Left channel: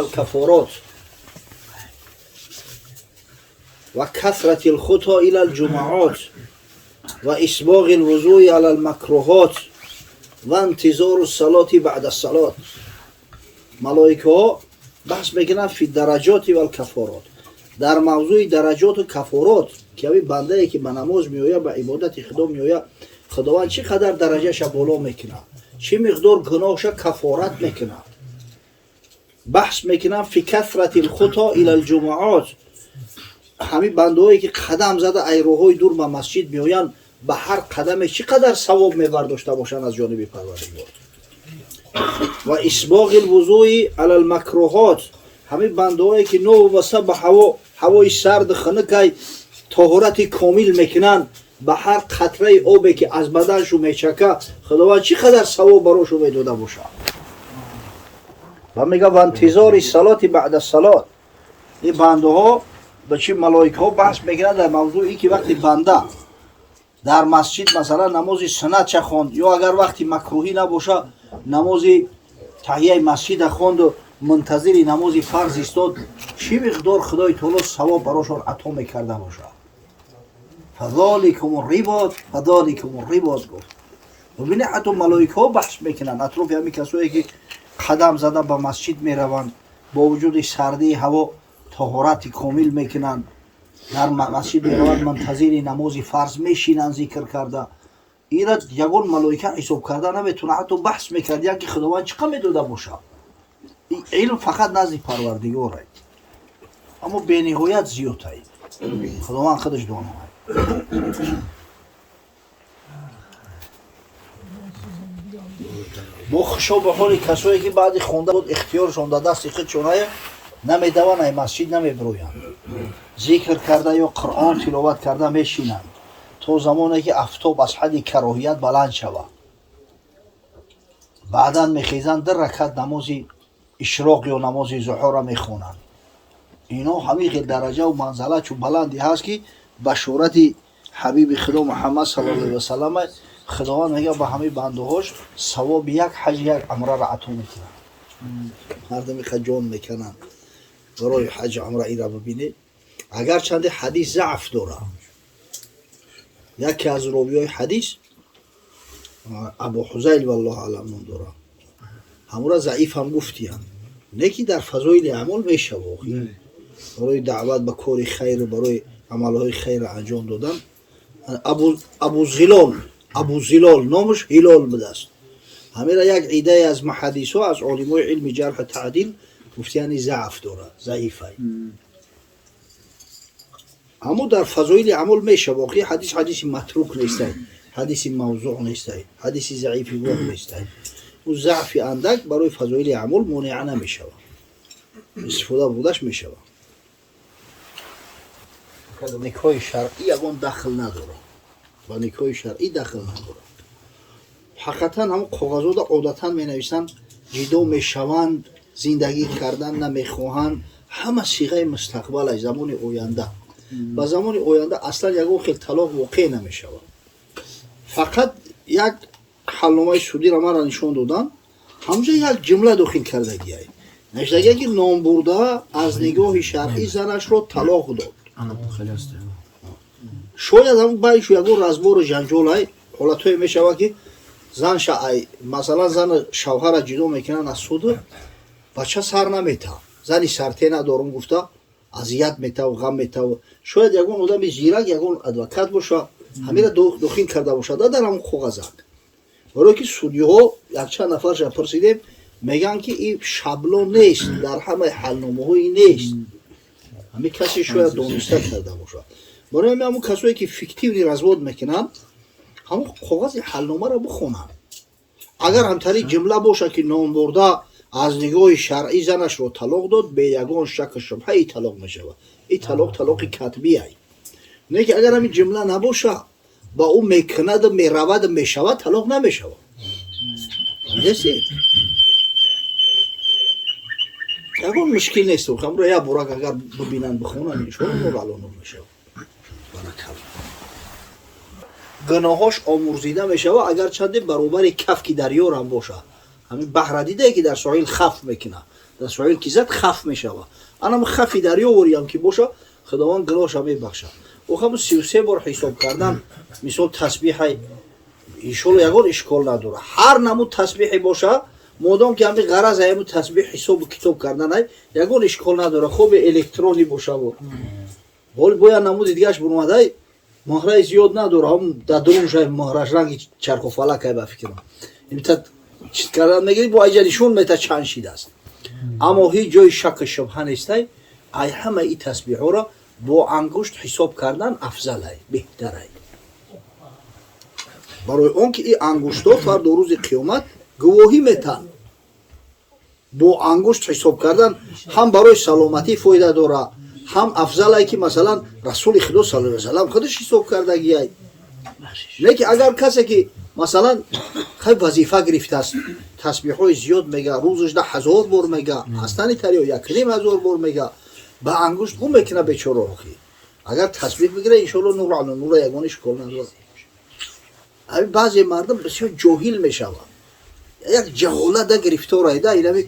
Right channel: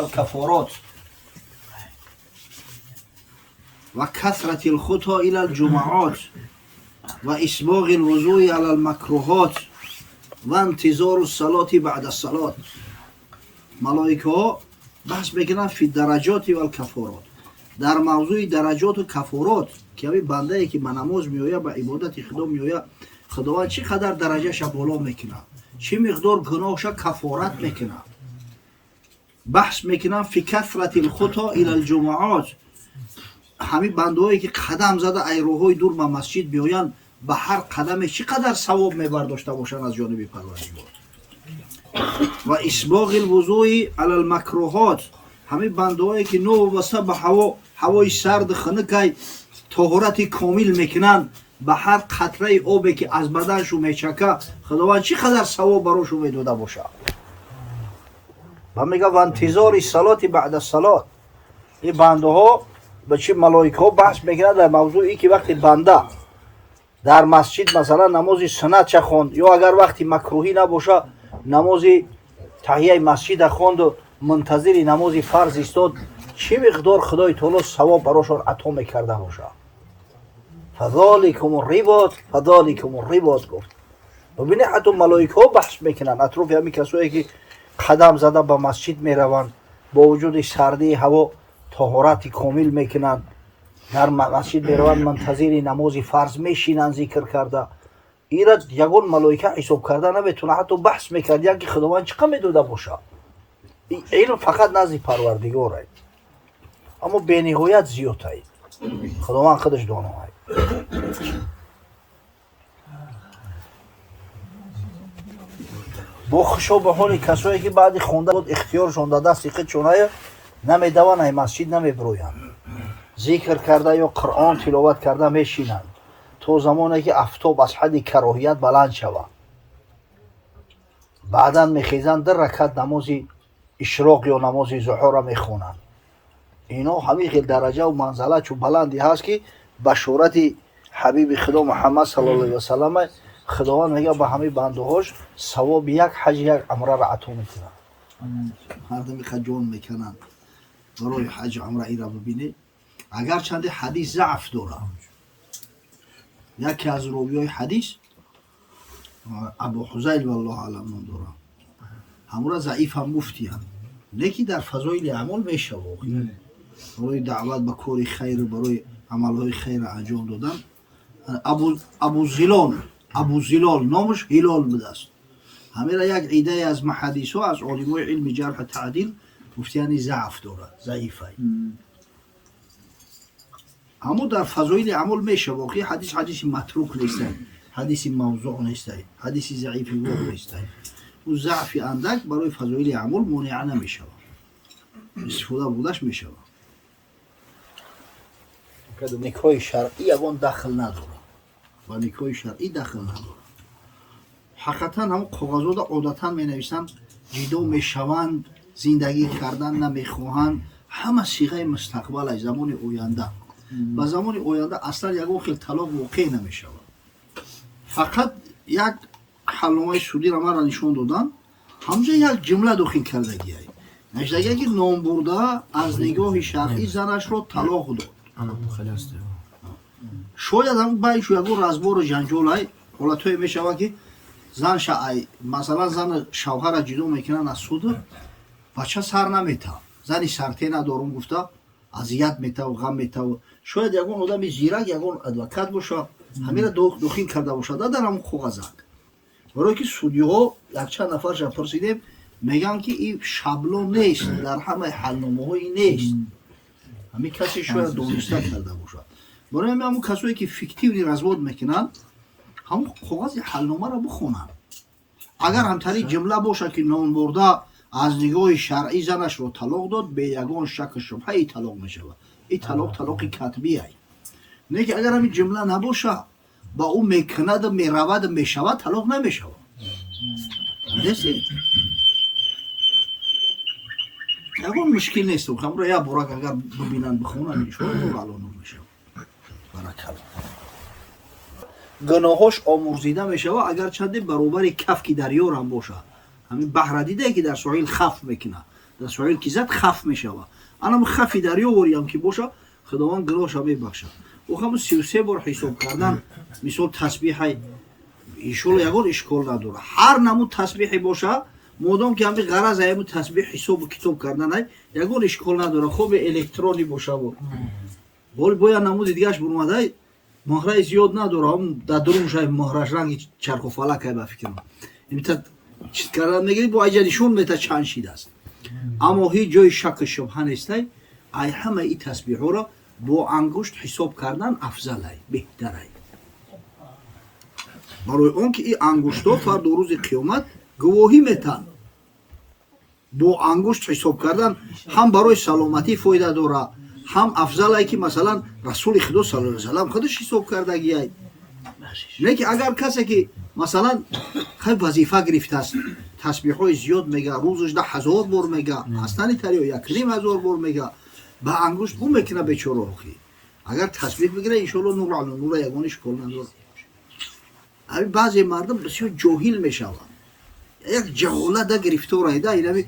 والكفارات وكثرة الخطى إلى الجمعات وإسباغ الوضوء على المكروهات وانتظار الصلاة بعد الصلاة. ملائکه بحث میکنن فی درجات و الکفارات، در موضوع درجات و کفارات که همین بنده ای که به نماز میویه به عبادت خدا میویه، خداوند چی قدر درجهش بالا میکنه، چی مقدار گناهش کفارت میکنه. بحث میکنن فی کثرت الخطا الی الجمعات، همین بنده هایی که قدم زده ایروهای دور به مسجد میویند، به هر قدمش چی قدر ثواب میبرداشته باشن از جانب پروردگار. و اسباغ الوضوء علی المکروهات، همین بنده هایی که نو و به هوای سرد خنک طهارت کامل میکنن، به هر قطره آبی که از بدنشو میچکه خداوند چی قدر ثواب براشو میداده باشه. و میگه و انتظار صلات بعد الصلات، این بنده ها به چی ملائکه ها بحث میکنن در موضوعی که وقتی بنده در مسجد مثلا نماز سنت چه خوند، یا اگر وقتی مکروهی نباشه نماز تحیه مسجد خوند و منتظر نماز فرض استاد، چی مقدار خدای تعالی ثواب براشون عطا میکرده باشه. فذالکم الرباط، فذالکم الرباط گفت. ببینید حتی ملائکه ها بحث میکنن اطراف همین کسایی که قدم زده به مسجد میروند، با وجود سردی هوا طهارت کامل میکنن، در مسجد میروند منتظر نماز فرض میشینن ذکر کرده. اینا یگان ملائکه حساب کرده نمیتونه. حتی بحث میکرد که خداوند چقدر میداده باشه. این علم فقط نزد پروردگاره، اما به نهایت زیاده. خداوند خودش دانه. با خشوع به حال کسایی که بعد خونده بود اختیارشون داده است خودشونه نمیدوانند مسجد نمیبرویند، ذکر کرده یا قرآن تلاوت کرده میشینند تا زمانی که آفتاب از حد کراهیت بلند شود. بعدا میخیزند در رکعت نماز اشراق یا نماز ظهر را میخونند. اینا همین درجه و منزله چون بلندی هست که بشارت حبیب خدا محمد صلی الله علیه و سلم خداوند میگه به همه بنده هاش ثواب یک حج یک عمره را عطا میکنه. مردمی که جان میکنن برای حج عمره ای را ببینه، اگر چند حدیث ضعف داره، یکی از راویای حدیث ابو حذیل والله اعلم نام داره، همون را ضعیف هم گفتیم، نه که در فضایل اعمال میشه واقعی برای دعوت به کار خیر، برای عملهای خیر انجام دادن. ابو زلال نامش هلال بوده است. همین را یک عده از محدث ها از علمای علم جرح و تعدیل گفتیانی ضعف داره، ضعیفه. اما در فضایل عمل میشه واقعی حدیث متروک نیست، حدیث موضوع نیست، حدیث ضعیفی واقع نیست. و ضعف اندک برای فضایل عمل مانع نمیشه، استفاده بودش میشه. نکاح شرعی یگان دخل نداره و نکاح شرعی دخل نداره. حقیقتا هم کاغذات عادتا می نویسن جدا می شوند، زندگی کردن نمیخواهند، همه صیغه مستقبل از زمان آینده. و زمان آینده اصلا یگان خیلی طلاق واقع نمی شود. فقط یک حلنامه سودی را من را نشون دادن، همونجا یک جمله داخل کردگی هست، نشدگی که نام برده از نگاه شرعی زنش رو طلاق داد. شاید همون بایش یگان رزبار و جنجال های حالت های می شود که زن مثلا زن شوهر را جدا میکنن از سود، بچه سر نمیته، زنی سرته ندارم گفته اذیت میته و غم میته. شاید یگان آدم زیرک یگان ادوکات باشه، همین را داخل کرده باشه در همون کاغذک. برای که سودی ها یک چند نفرش پرسیدیم میگن که این شبلون نیست، در همه حلنامه هایی نیست، همین کسی شاید دانسته کرده باشه. برای همون کسایی که فیکتیوی رزواد میکنن همون کاغذ حلنامه را بخونن. اگر همطوری جمله باشه که نام برده از نگاه شرعی زنش رو طلاق داد، به یگان شک شبهه ای طلاق میشه. این طلاق کتبی است. نه که اگر همین جمله نباشه با او میکند و میرود و میشود طلاق نمیشه. یگان مشکل نیست. خمر یا براک اگر ببینن بخونن میشون مولانو میشه. گناهاش آمرزیده میشه و اگر چند برابر کف کی دریا هم باشه، همین بحر دیده که در ساحل خف میکنه، дастури ки зад хаф мешава. Анам хафи дарё вориам ки боша худованд гуноҳша мебахша. охам 33 бор ҳисоб кардан мисол тасбиҳай иншоалло ягон ишкол надора. Ҳар намуд тасбиҳе боша модом ки ҳами ғараз аями тасбиҳ ҳисобу китоб карданай ягон ишкол надора. хоби электрони боша бо ҳоли боя намуди дигааш бурмадай моҳраи зиёд надора. ҳам дадруншай моҳраш ранги чархофалакай ба фикрам имта чиз кардан мегири бо айҷа нишон мета чанд шидааст. аммо ҳеҷ ҷои шаку шубҳа нестай. ай ҳамаи тасбиҳҳоро бо ангушт ҳисоб кардан афзалай, беҳтарай. барои он ки ин ангуштҳо фарду рӯзи қиёмат гувоҳӣ метаҳанд. бо ангушт ҳисоб кардан ҳам барои саломатӣ фоида дора, ҳам афзалай ки масалан расули худо саллаллоҳу алайҳи ва саллам худаш ҳисоб кардагияй. не ки агар касе ки масалан хай вазифа гирифтааст тасбиҳҳои зиёд мега рӯзаш 10,000 бор мега ҳастани тариё 1,500 бор мега ба ангушт бу мекуна бечора охи. агар тасбиҳ бигира иншоалло нур ала нура ягон ишкол надора. ҳами баъзе мардум бисёр ҷоҳил мешаванд. як ҷаҳолата гирифтораида инами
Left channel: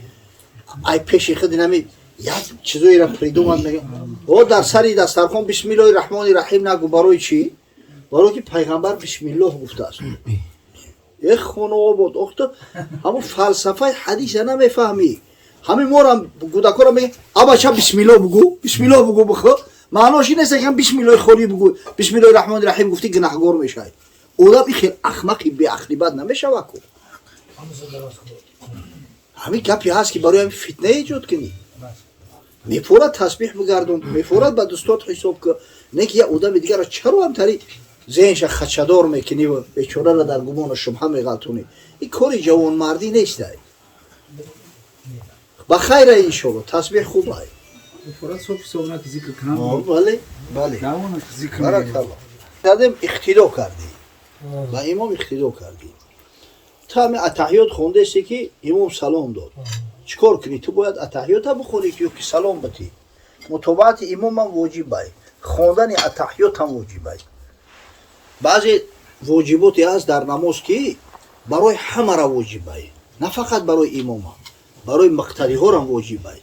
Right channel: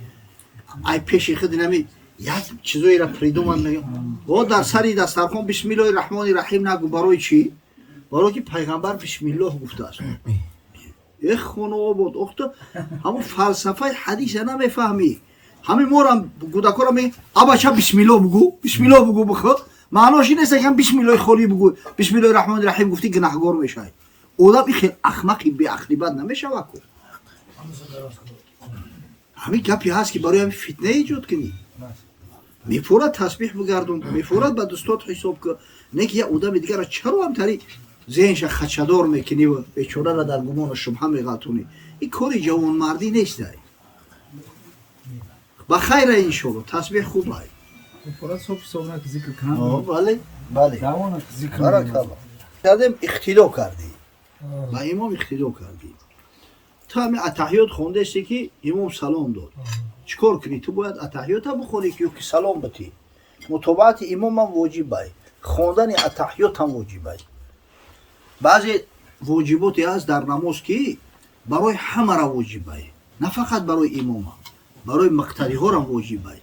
ай пеши худ инами як чизоеро придумад мега о дар сари дастархон бисмиллоҳи раҳмони раҳим нагу. барои чӣ? барои ки пайғамбар бисмиллоҳ гуфтааст. хонобод охто ҳамо фалсафаи ҳадиса намефаҳмӣ. ҳамин морам кӯдакора мега абача бисмиллоҳ бугӯ, бисмиллоҳ бугӯ бихӯ. маънош ин нест ки бисмиллоҳи хорӣ бугӯ, бисмиллоҳи раҳмони раҳим гуфтӣ гунаҳгор мешавӣ. одам ин хел ахмақи беақлибат намешава ку. ҳамин гапе ҳаст ки барои ҳамин фитна эҷод кунӣ. мефорад тасбиҳ бигардон, мефорад ба дӯстот ҳисоб кун. не ки як одами дигарро чаро ҳамтари зеҳнша хачадор мекунӣ ва бечораро дар гумону шубҳа меғалтонӣ. ин кори ҷавонмардӣ нестай. ба хайра иншоалло тасбиҳ хубай. бале бале кардем иқтидо кардем ба имом иқтидо кардем. ту ҳамин атаҳиёт хондасте ки имом салом дод. чӣ кор кунӣ? ту бояд атаҳиёта бихонӣ ё ки салом батӣ. мутобаати имомам воҷибай, хондани атаҳиётам воҷибай. баъзе воҷиботе ҳаст дар намоз ки барои ҳамара воҷибай, на фақат барои имома, барои муқтадиҳорам воҷибай.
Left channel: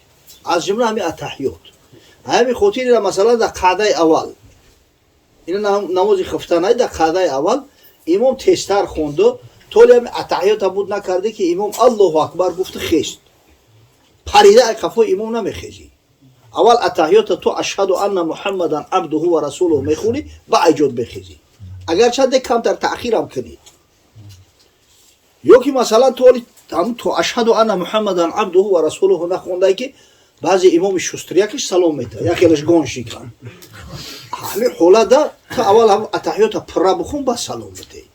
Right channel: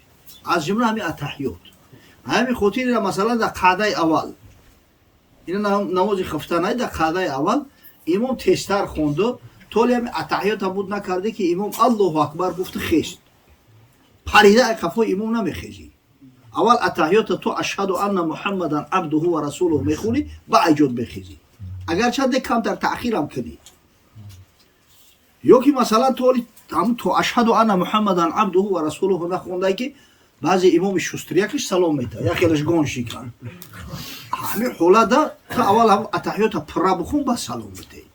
аз ҷумла ҳамин атаҳиёт. ҳамин хотире масалан дар қаъдаи аввал ина намози хифтанай дар қаъдаи аввал имом тезтар хонду толи ҳамин атаҳиёта буд накарде ки имом аллоҳу акбар гуфту хест. парида қафои имом намехезӣ. аввал атаҳиёта ту ашҳаду анна муҳаммадан абдуҳу ва расулуҳу мехонӣ баъҷод бехезӣ. агарчанде камтар таъхирам кунӣ. ё ки масалан ту ашҳаду анна муҳаммадан абдуҳу ва расулуҳу нахондай ки баъзе имоми шустрякиш салом метаҳад, якелаш гон шикан. ҳамин ҳолатда ту аввал атаҳиёта пурра бихун ба салом батеҳ.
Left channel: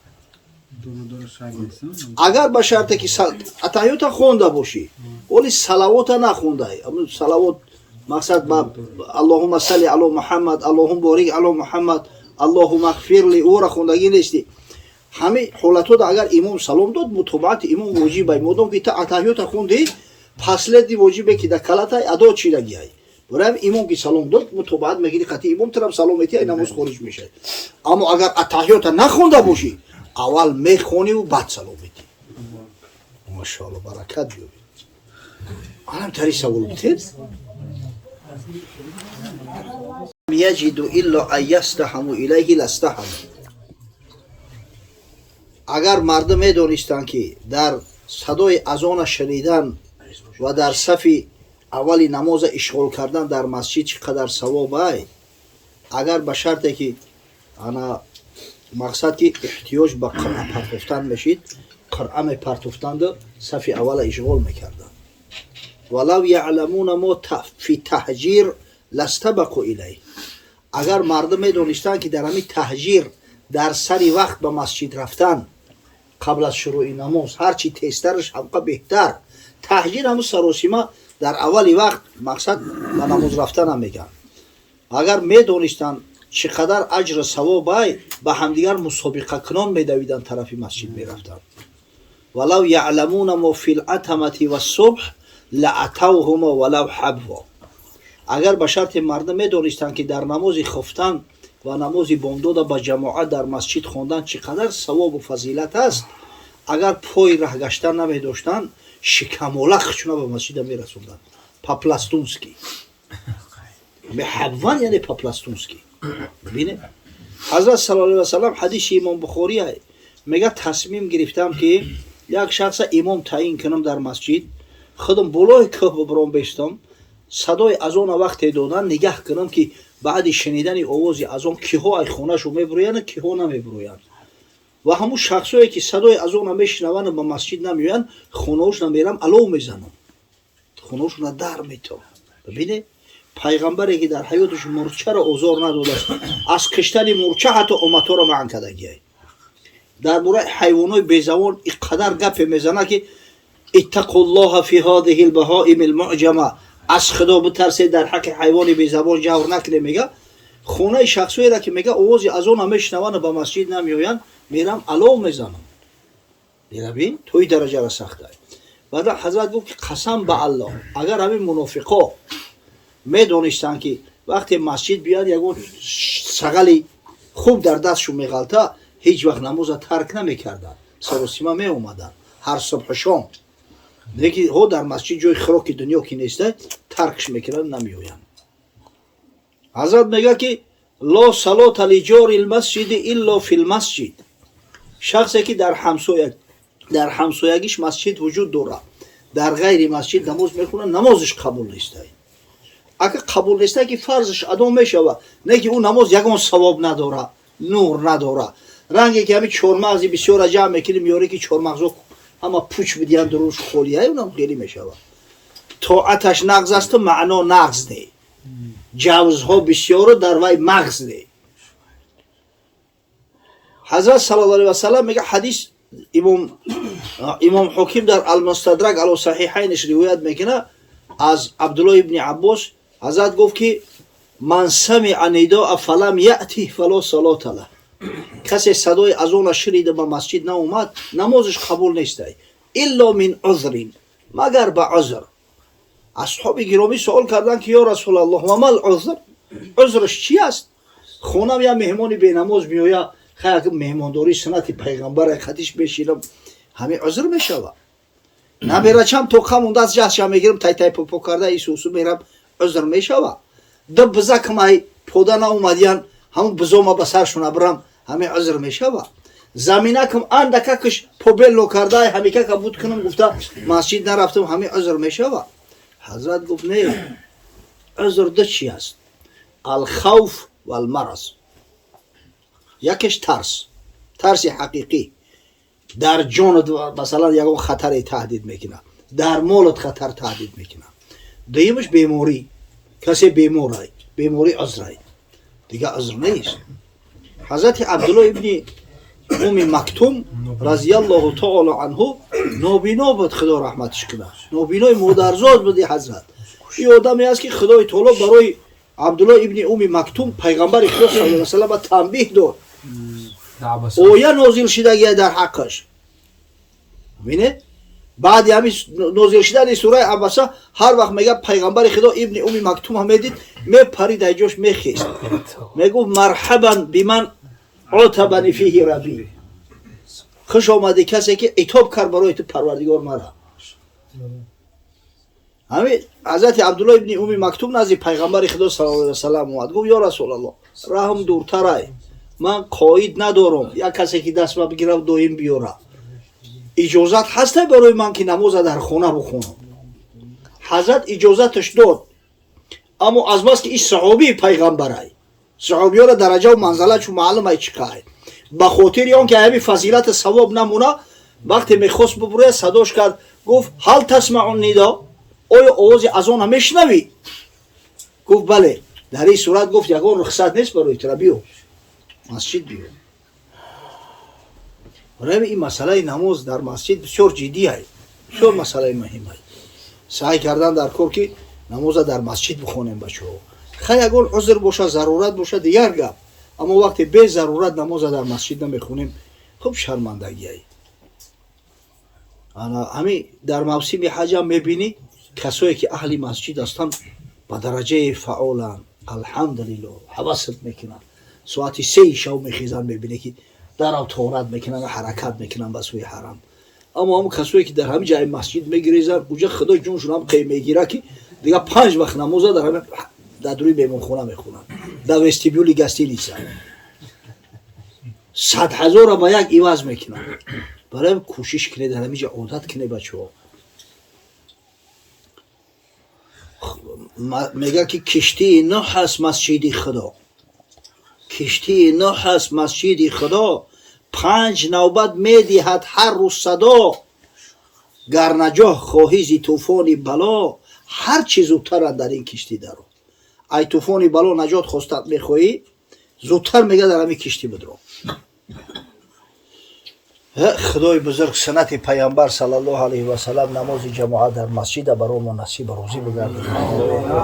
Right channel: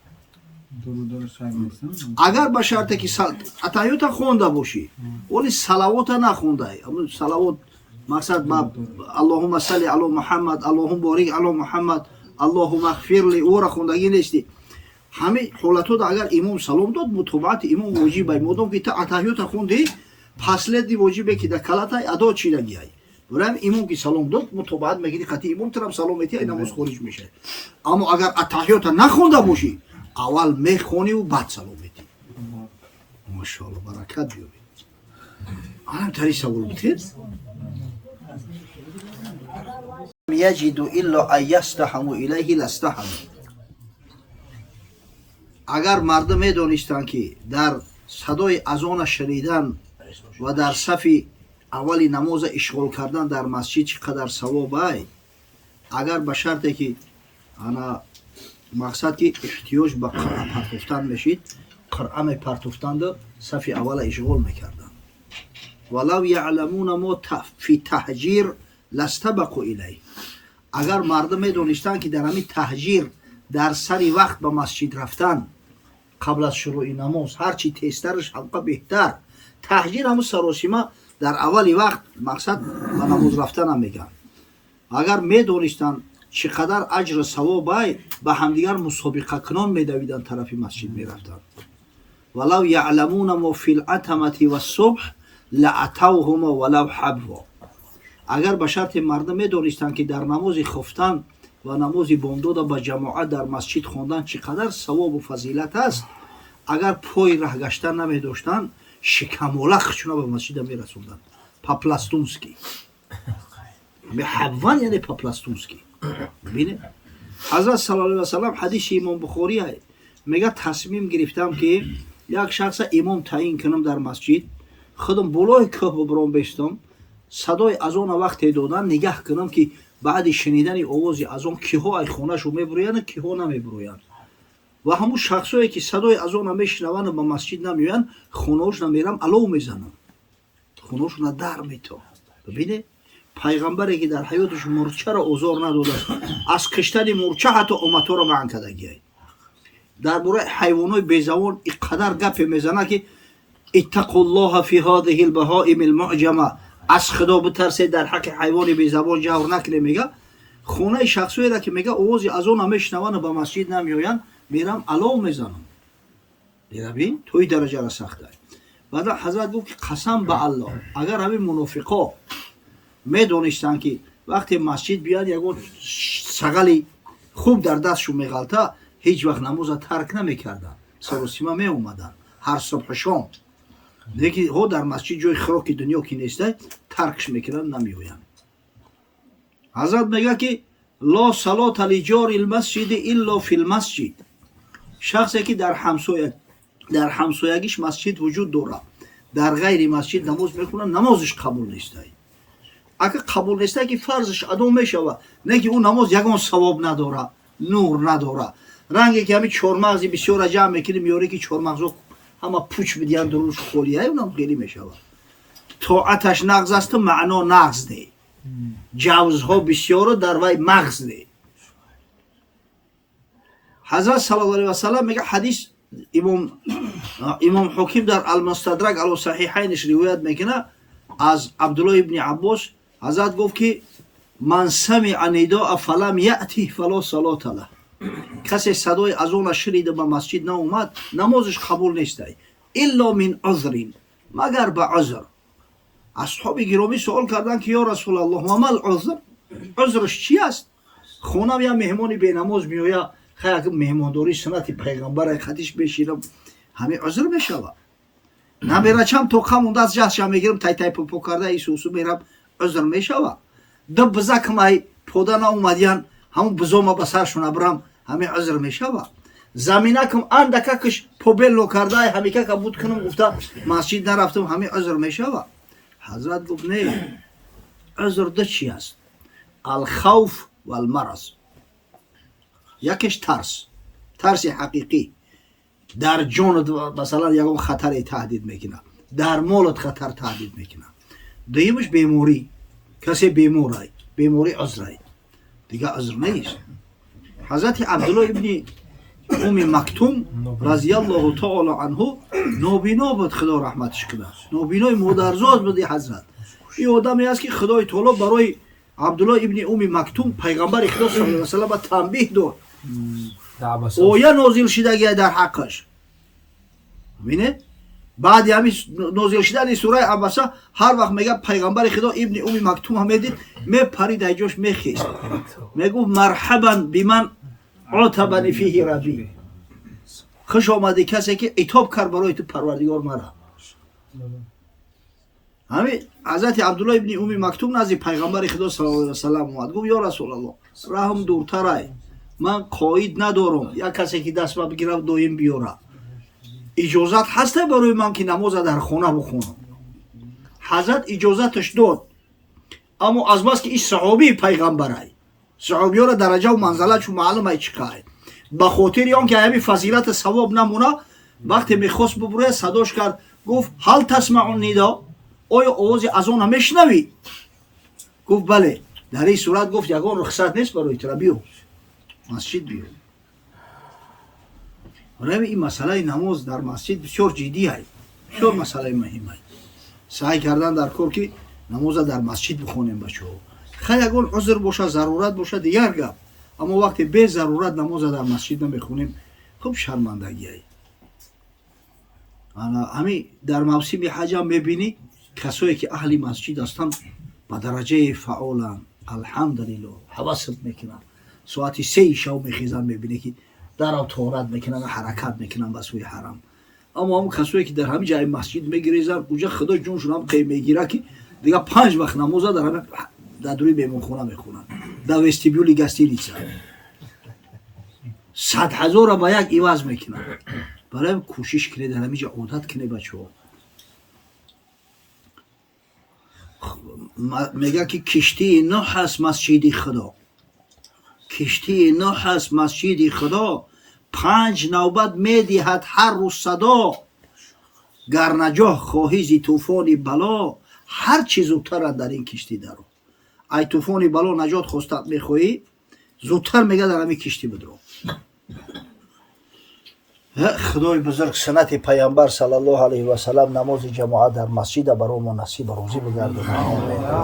агар ба шарте ки атаҳиёта хонда бошӣ вали салавота нахондай. салавот мақсад ба аллоҳумма салли ало муҳаммад, аллоҳумма борик ало муҳаммад, аллоҳумма ғфирли ора хондагӣ нести. ҳамин ҳолатҳода агар имом салом дод мутобаати имом воҷибай. модом ки ту атаҳиёта хонди последни воҷибе ки дар калатай адо чидагиай. барои имом ки салом дод мутобаат мегирӣ қатъи имом турам салом метиҳ ай намоз хориҷ мешавад. аммо агар атаҳиёта нахонда бошӣ аввал мехониву баъд салом метиҳ. машоалло баракат биёбед. анам тари савол битед. яҷиду илло ан ястаҳаму илайҳи ластаҳаму. агар мардум медонистанд ки дар садои азона шунидан ва дар сафи аввали намоза ишғол кардан дар масҷид чӣ қадар савобай. агар ба шарте ки ана мақсад ки эҳтиёҷ ба қиръа партофтан мешид, қиръа мепартофтанду сафи аввала ишғол мекарданд. валав яъламуна мо фи таҳҷир ластабақу илайҳ. агар мардум медонистанд ки дар ҳамин таҳҷир дар сари вақт ба масҷид рафтан қабл аз шурӯъи намоз ҳарчи тезтараш ҳамқа беҳтар. таҳҷир ҳамун саросима дар аввали вақт мақсад ба намоз рафтанам мегӯянд. агар медонистанд чӣ қадар аҷру савобай ба ҳамдигар мусобиқакунон медавиданд тарафи масҷид мерафтанд. валав яъламуна мо фил атамати ва субҳ лаатавҳумо валав ҳабво. агар ба шарти мардум медонистанд ки дар намози хуфтан ва намози бомдода ба ҷамоат дар масҷид хондан чӣ қадар савобу фазилат аст, агар пои раҳгаштан намедоштанд шикамола хучна ба масҷида мерасонданд. по-пластунски. Меҳавван яъне по-пластунски. бибинед ҳазрат саллаллоҳу алайҳи ва саллам ҳадиси имом бухорӣ ай мега тасмим гирифтам ки як шахса имом таъин кунам дар масҷид худам болои кӯҳ бибурам бестам садои азона вақте додан нигаҳ кунам ки баъди шунидани овози азон киҳо ай хонаашо мебироянд киҳо намебироянд ва ҳамун шахсое ки садои азона мешунаванд ба масҷид намеоянд хонаошона мерам алов мезанам хонаошона дар метам. бибинед пайғамбаре ки дар ҳаёташ мурчаро озор надодааст аз киштани мурча ҳатто оматоро маън кардагиай. дар бораи ҳайвонои безавон иқадар гапе мезана ки иттақуллоҳа фи ҳозиҳи лбаҳоими лмуъҷама аз худо битарсед дар ҳаққи ҳайвони безавон ҷавр накунед мега хонаи шахсоеро ки мега овози азона мешунаванд ба масҷид намеоянд мерам алов мезанам. бинабин то ин дараҷара сахта. баъда ҳазрат гуфт ки қасам ба аллоҳ агар ҳамин мунофиқо медонистанд ки вақте масҷид биёянд ягон сағали хуб дар дастшон меғалта ҳеҷ вақт намоза тарк намекарданд саросима меомаданд ҳар субҳу шом ки ҳо дар масҷид ҷои хӯроки дунё ки нестай таркш мекунанд намеоянд. ҳазрат мегӯяд ки ло салота лиҷори лмасҷидиилло фи лмасҷид шахсе ки дар ҳамсоягиш масҷид вуҷуд дорад дар ғайри масҷид намоз мехонад намозаш қабул нестай. агар қабул нестай ки фарзаш адо мешавад не ки ӯ намоз ягон савоб надорад нур надорад ранге ки ҳамин чормағзи бисёра ҷамъ мекунем ёре ки чормағзо ҳама пуч бидиҳанд дуруш холияи унам хеле мешавад тоаташ нағз асту маъно нағз не ҷавзҳо бисёро дар вай мағз не. ҳазрат саллаллоҳу алайҳи ва саллам мега ҳадис имом ҳоким дар алмустадрак ало саҳиҳайнаш ривоят мекунад аз абдуллоҳ ибни аббос ҳазрат гуфт ки ман самиъа нидоа фалам яътих фало салота лаҳ касе садои азона шунида ба масҷид наомад намозаш қабул нестайилло мин узрин магар ба узр. асҳоби гиромӣ суол карданд ки ё расулаллоҳ ва мал узр узраш чи аст хонам я меҳмони бенамоз меоя хай меҳмондорӣ суннати пайғамбара хатиш мешинам ҳамин узр мешавад наберачам тоқа мундаст ҷаҳдшам мегирам тай попо карда исусу мерам узр мешавад ду бизакмай пода наомадиян ҳамун бизома ба саршон абрам ҳамин узр мешавад заминакам андакакаш побелло кардаи ҳамикака буд кунам гуфта масҷид нарафтам ҳамин узр мешавад. ҳазрат гуфт не узр ду чи аст алхавф валмараз якеш тарси ҳақиқӣ дар ҷонат масалан ягон хатаре таҳдид мекунад дар молат хатар таҳдид мекунад дуюмаш беморӣ касе беморай беморӣ узрай дига узр нест. ҳазрати абдуллоҳ ибни уми мактум разияллоҳу таъола анҳу нобино буд худо раҳматиш кунад нобинои модарзод буди ҳазрат ин одаме аст ки худои таъоло барои абдуллоҳ ибни уми мактум пайғамбари худо саллаллоҳу алайҳи ва саллам танбеҳ дод оя нозил шидагия дар ҳаққаш. бинед баъди ҳамин нозил шидани сураи абаса ҳар вақт мега пайғамбари худо ибни уми мактум медид мепарид айҷош мехест мегуфт марҳабан биман отабани фиҳи раби хуш омади касе ки итоб кард барои ту парвардигор мара. ҳамин ҳазрати абдуллоҳ ибни уми мактум назди пайғамбари худо саллаллоҳу алайҳи ва саллам омад гуфт ё расулаллоҳ раҳм дуртарай ман қоид надорам як касе ки дастма бигирав доим биёра иҷозат ҳастай барои ман ки намоза дар хона бихонам. ҳазрат иҷозаташ дод аммо аз бас ки ин саҳобии пайғамбарай саҳобиёра дараҷаву манзалатшу маълумай чӣ қай ба хотири он ки ҳамин фазилати савоб намуна вақте мехост бубурая садош кард гуфт ҳал тасмаъу нидо оё овози азона мешунавӣ гуфт бале дар ин сурат гуфт ягон рухсат нест барои тура биё масҷид биё. барои ин масъалаи намоз дар масҷид бисёр ҷиддиай бисёр масъалаи муҳимай саъй кардан дар кор ки намоза дар масҷид бихонем бачаҳо хай ягон узр боша зарурат боша дигар гап аммо вақте бе зарурат намоза дар масҷид намехонем хуб шармандагиай. ҳамин дар мавсими ҳаҷам мебинӣ касое ки аҳли масҷид ҳастанд ба дараҷаи фаъоланд алҳамдулиллоҳ ҳавасат мекунанд соати 3 шав мехезанд мебинӣ ки дарав тоҳорат мекунанд ҳаракат мекунанд ба сӯи ҳарам. аммо ҳамун касое ки дар ҳамин ҷаи масҷид мегирезанд уҷа худо ҷоншон ҳам қей мегирад ки دیگه 5 وقت نمازا در روی مهمانخانه میخونن، در وستیبیولی گستینیسا 100,000 را با یک عوض میکنن. برای کوشش کنید همینجا عادت کنید بچه ها. میگه که کشتی نوح است مسجد خدا، کشتی نوح است مسجد خدا، 5 نوبت میدهد هر روز صدا، گر نجاه خواهی زی طوفان بلا، هر چی زودتر در این کشتی درو. ای طوفان بلا نجات خواستت میخواهی، زودتر میگه در همین کشتی بدرو. خدای بزرگ سنت پیامبر صلی الله علیه و سلم نماز جماعت در مسجد برامون نصیب روزی بگردونه.